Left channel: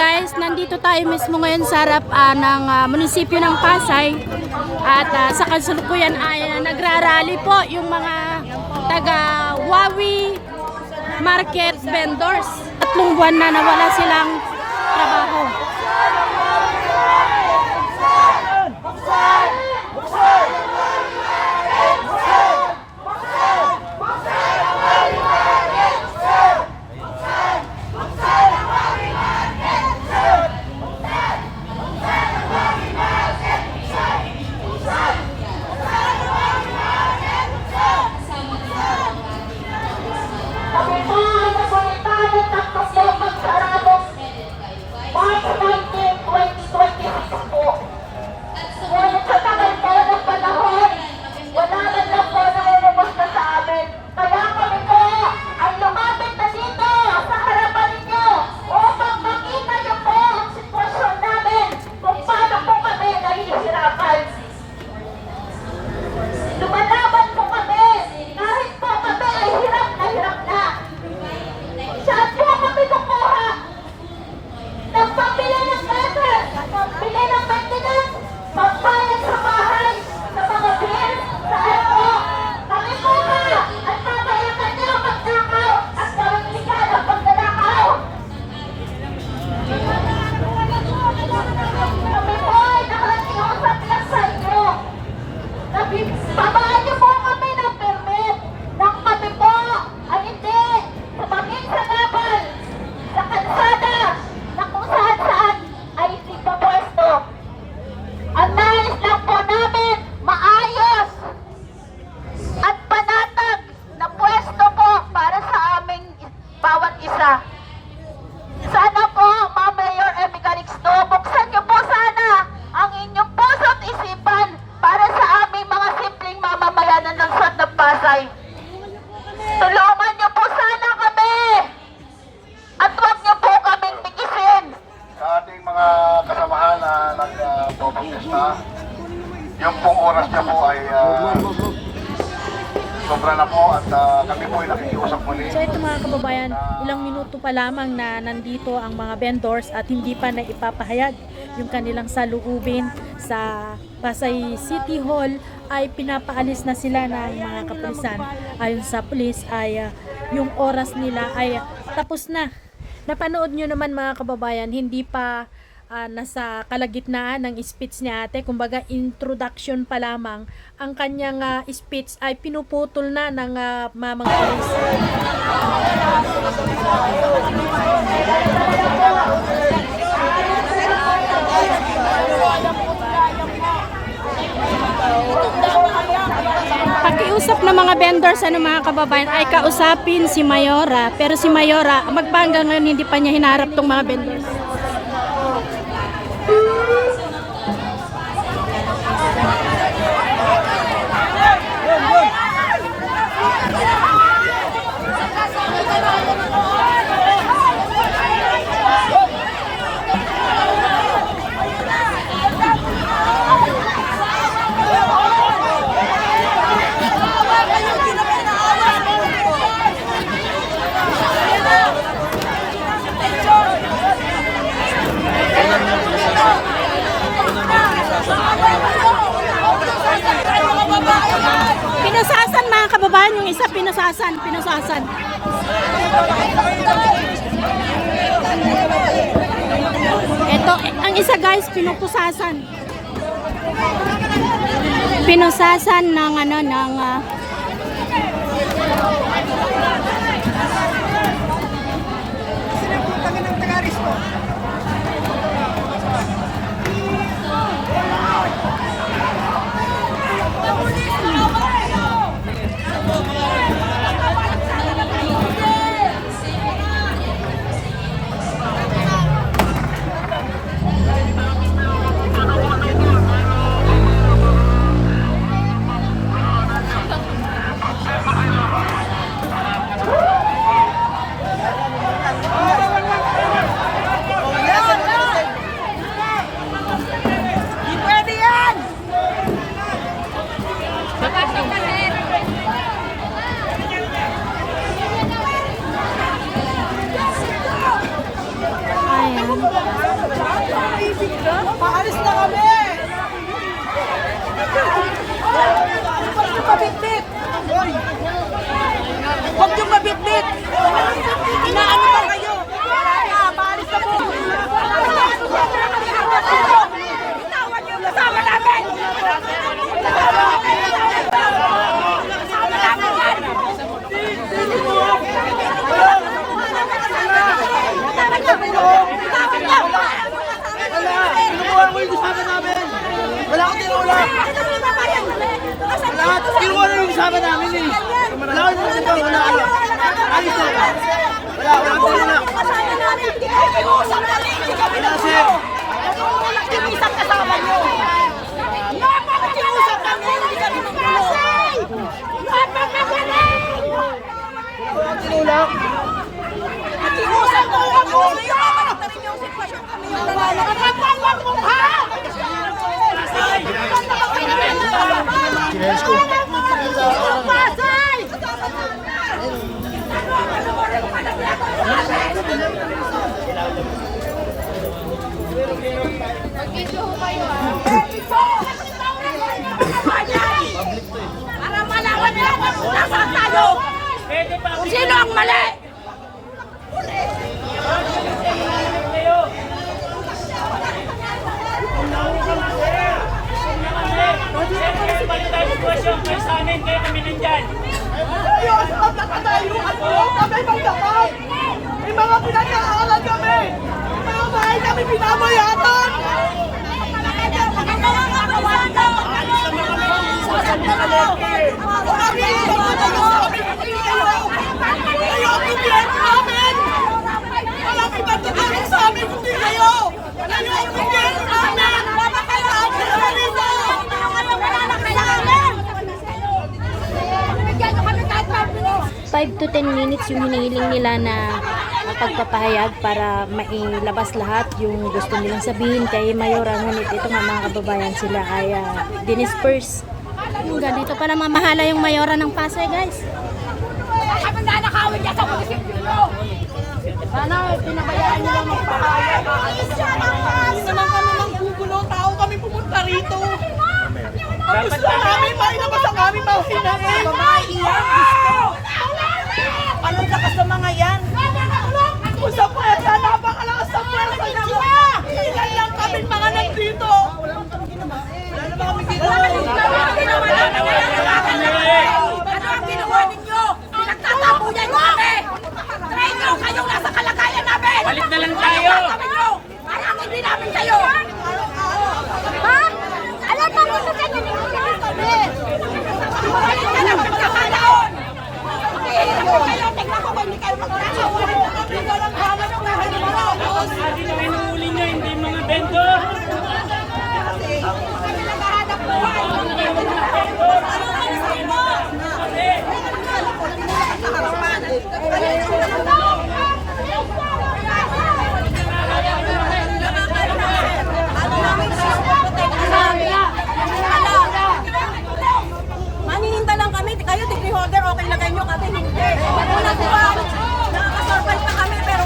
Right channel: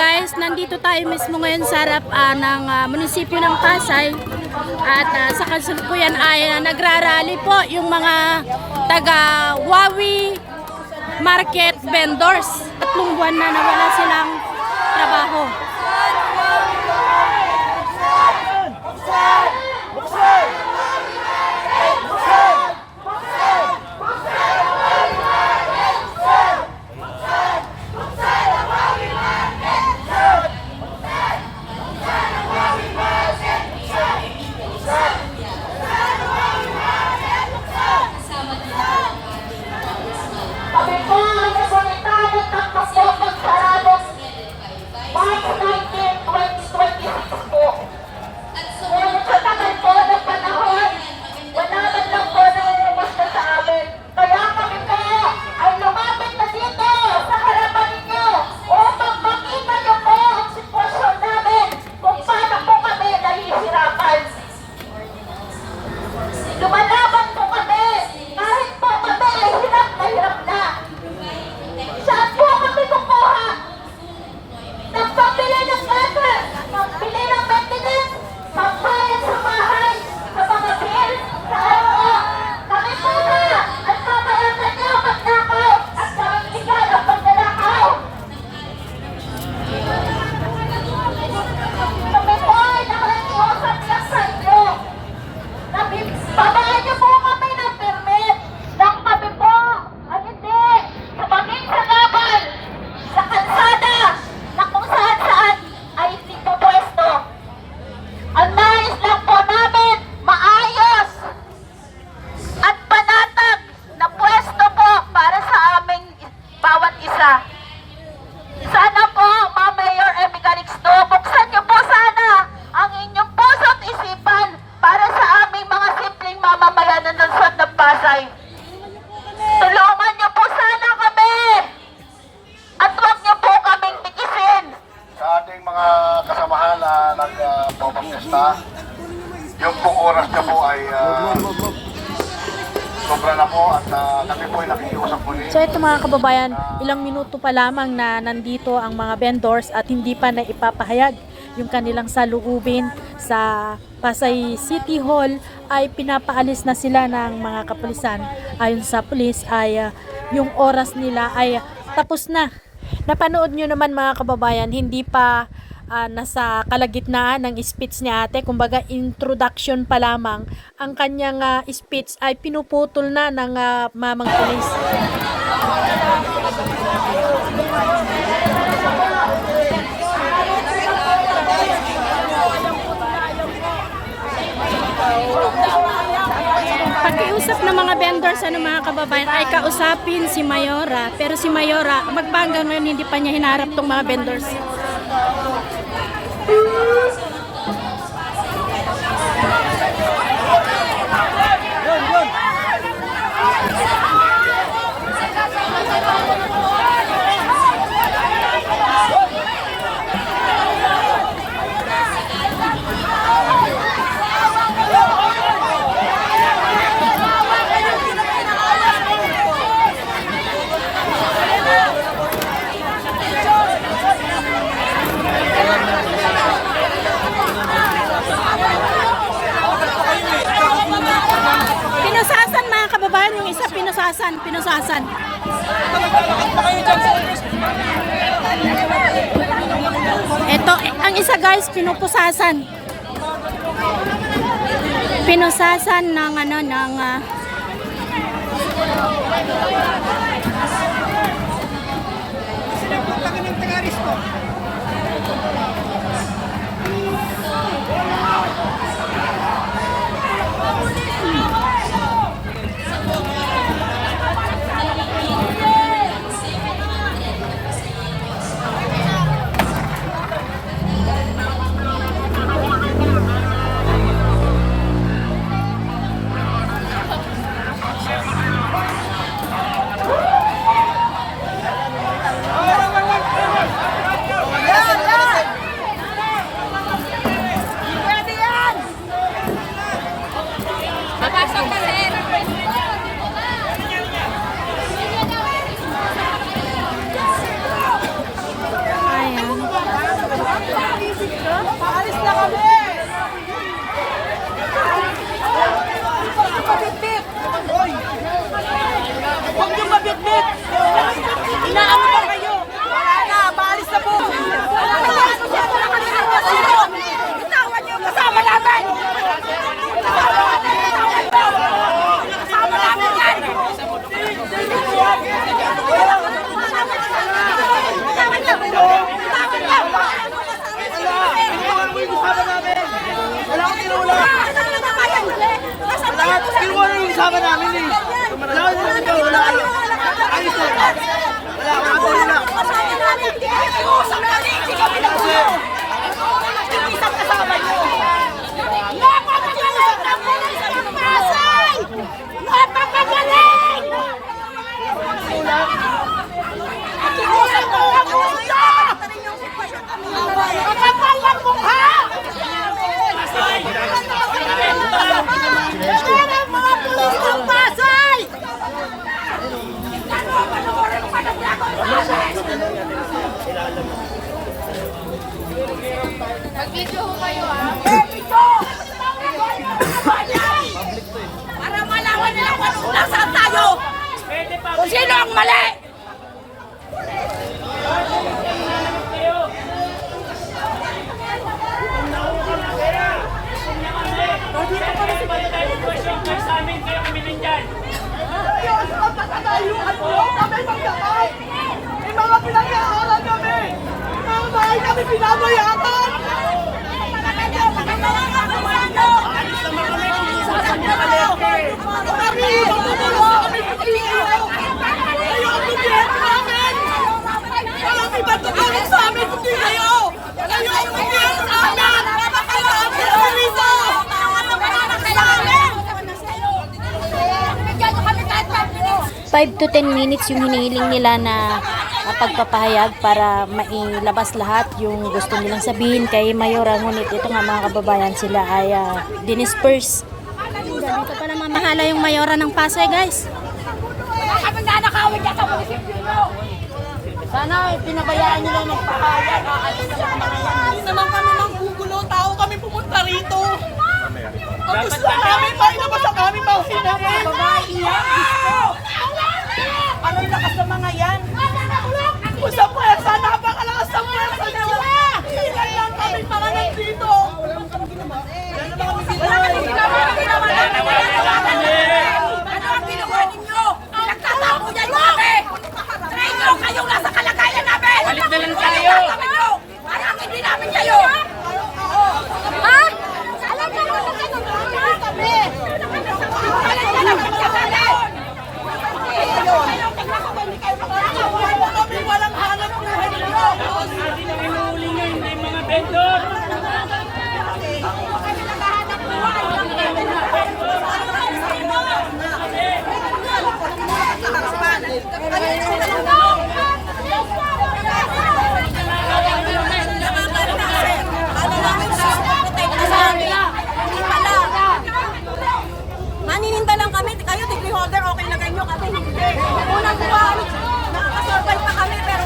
guys, nandito tayo mismo ngayon sa harap ng munisipyo ng Pasay. At sa kasalukuyan ay nagrarally po yung mga taga Wawi market vendors. 3 buwan na nawala silang trabaho. Sana po, Ma'am Mayor Emmy Calixto, buksan niyo po sana ang inyong puso't isipan para sa aming mga simpleng mamamayan ng lungsod ng Pasay. Tulungan niyo po sana kami at huwag niyo po kaming tikisin. Sa ating mga kasamahan na nag-protesta, yung pong oras niya po ay sobra na po at kami po ay nakikiusap muli. So ito mga kababayan, ilang minuto pa lamang na nandito ang mga vendors at hindi pa na ipapahayag yung kanilang saloobin sa Pasay City Hall ay pinapaalis na sila ng mga kapulisan. Ayon sa pulis ay yung oras nila ay tapos na. Napanood nyo naman mga kababayan, hindi pa nasa kalagitnaan ng speech ni ate, kumbaga introduction pa lamang, ang kanyang speech ay pinuputol na ng mamang pulis. Pag-iusap ng mga vendors mga kababayan ay kausapin si Mayora, pero si Mayora magpanggang ngayon hindi pa niya hinarap tong mga vendors. Pinusasan mga kababayan, yung isa pinusasan. Ito, ang isa guys, pinupusasan. Pinusasan ng Sinapuntakin ng taga-Aristo. kalaban namin eh. Lawan namin kalaban. Alis na. Wala. Kasama namin, di ba? Iusap na rin, si kami ng gulo. Nakikiusap kasama nyo. Nakikiusap na rin, si kami ng Pasay! Napakagaling! Nakikiusap ko ang gulo! Kapag ang mukha! Ang Pasay! Para malaman nila kung nasaan tayo! Kung sino ang mali! May mga pinag-aaral kami! May mga bahay kami pinabayatan! Walang iba tutulong sa amin kundi kayo! Kayo ang gobyerno namin! Kailangan kami rito! 5 to 10 minutes yung hinihiling nila na pagpapahayag para mailabas lahat yung gusto nilang sabihin kay Mayora. Ngunit ito nga mga kababayan, sila ay dinisperse. Yung ganito pala mamahala yung Mayora ng Pasay, guys. Sana pinabayaan nila magpapahayag. Hindi naman kami manggugulo, tao kami pumunta rito. Ang gusto namin, mailabas ang aming mga hinahin. Babae yan, gusto! Anong lakas ng mga yan? Usap mo yan, sana napakalakas ng pwersa nyo. Ilan lang kami mga nandito. Wala naman kami ginawa. Wala naman kami ginawa. Ano ang ginawa ninyo? Pinagtatapunan nyo kami! Try nyo kayong nasa kalagayan namin! Balik na lang tayo! Ano gagawin nyo? Parang hindi namin kayo! Ha? Alam mo kung ano kami! Alam mo kung ano! Walang hanap buhay nyo. Sabi na hinuhuli nyo, hindi mga vendor. Nanininda lang kami, kayo degree holder, okay lagay nyo kami, hindi. Unang buwan, nakakasorbal pa kami, pero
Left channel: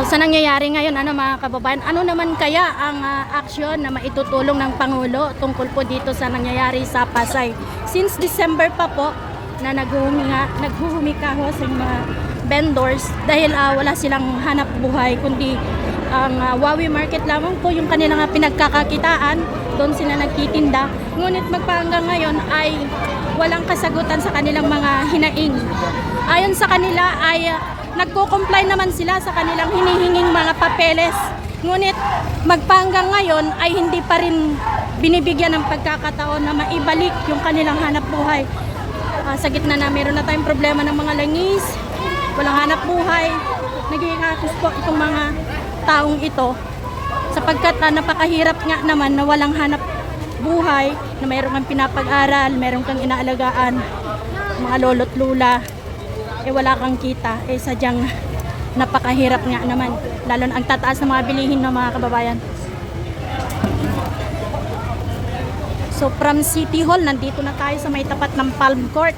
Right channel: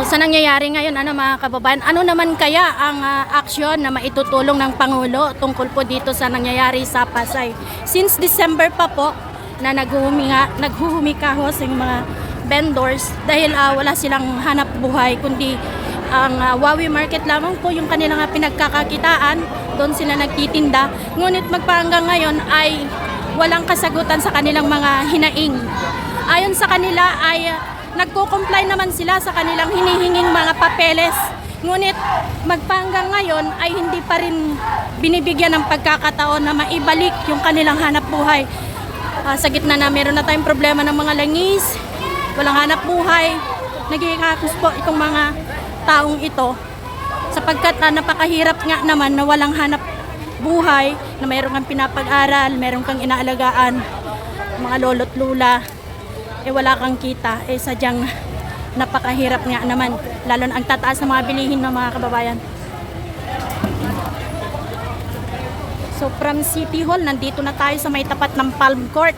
So sa nangyayari ngayon mga kababayan, ano naman kaya ang aksyon na maitutulong ng Pangulo tungkol po dito sa nangyayari sa Pasay? Since December pa po na naghuhumikahos yung mga vendors dahil wala silang hanap buhay, kundi ang Wawi Market lamang po yung kanilang pinagkakakitaan, doon sila nagtitinda. Ngunit magpahanggang ngayon ay walang kasagutan sa kanilang mga hinaing. Ayon sa kanila ay nagko-comply naman sila sa kanilang hinihinging mga papeles. Ngunit magpahanggang ngayon ay hindi pa rin binibigyan ng pagkakataon na maibalik yung kanilang hanap buhay. Sa gitna na meron na tayong problema ng mga langis, walang hanap buhay, nagiging akos po itong mga taong ito sapagkat napakahirap nga naman na walang hanap buhay, na mayroon kang pinapag-aral, mayroon kang inaalagaan, mga lolo't lula, wala kang kita, sadyang napakahirap nga naman, lalo na ang tataas ng mga bilihin ng mga kababayan. So from City Hall, nandito na tayo sa may tapat ng Palm Court.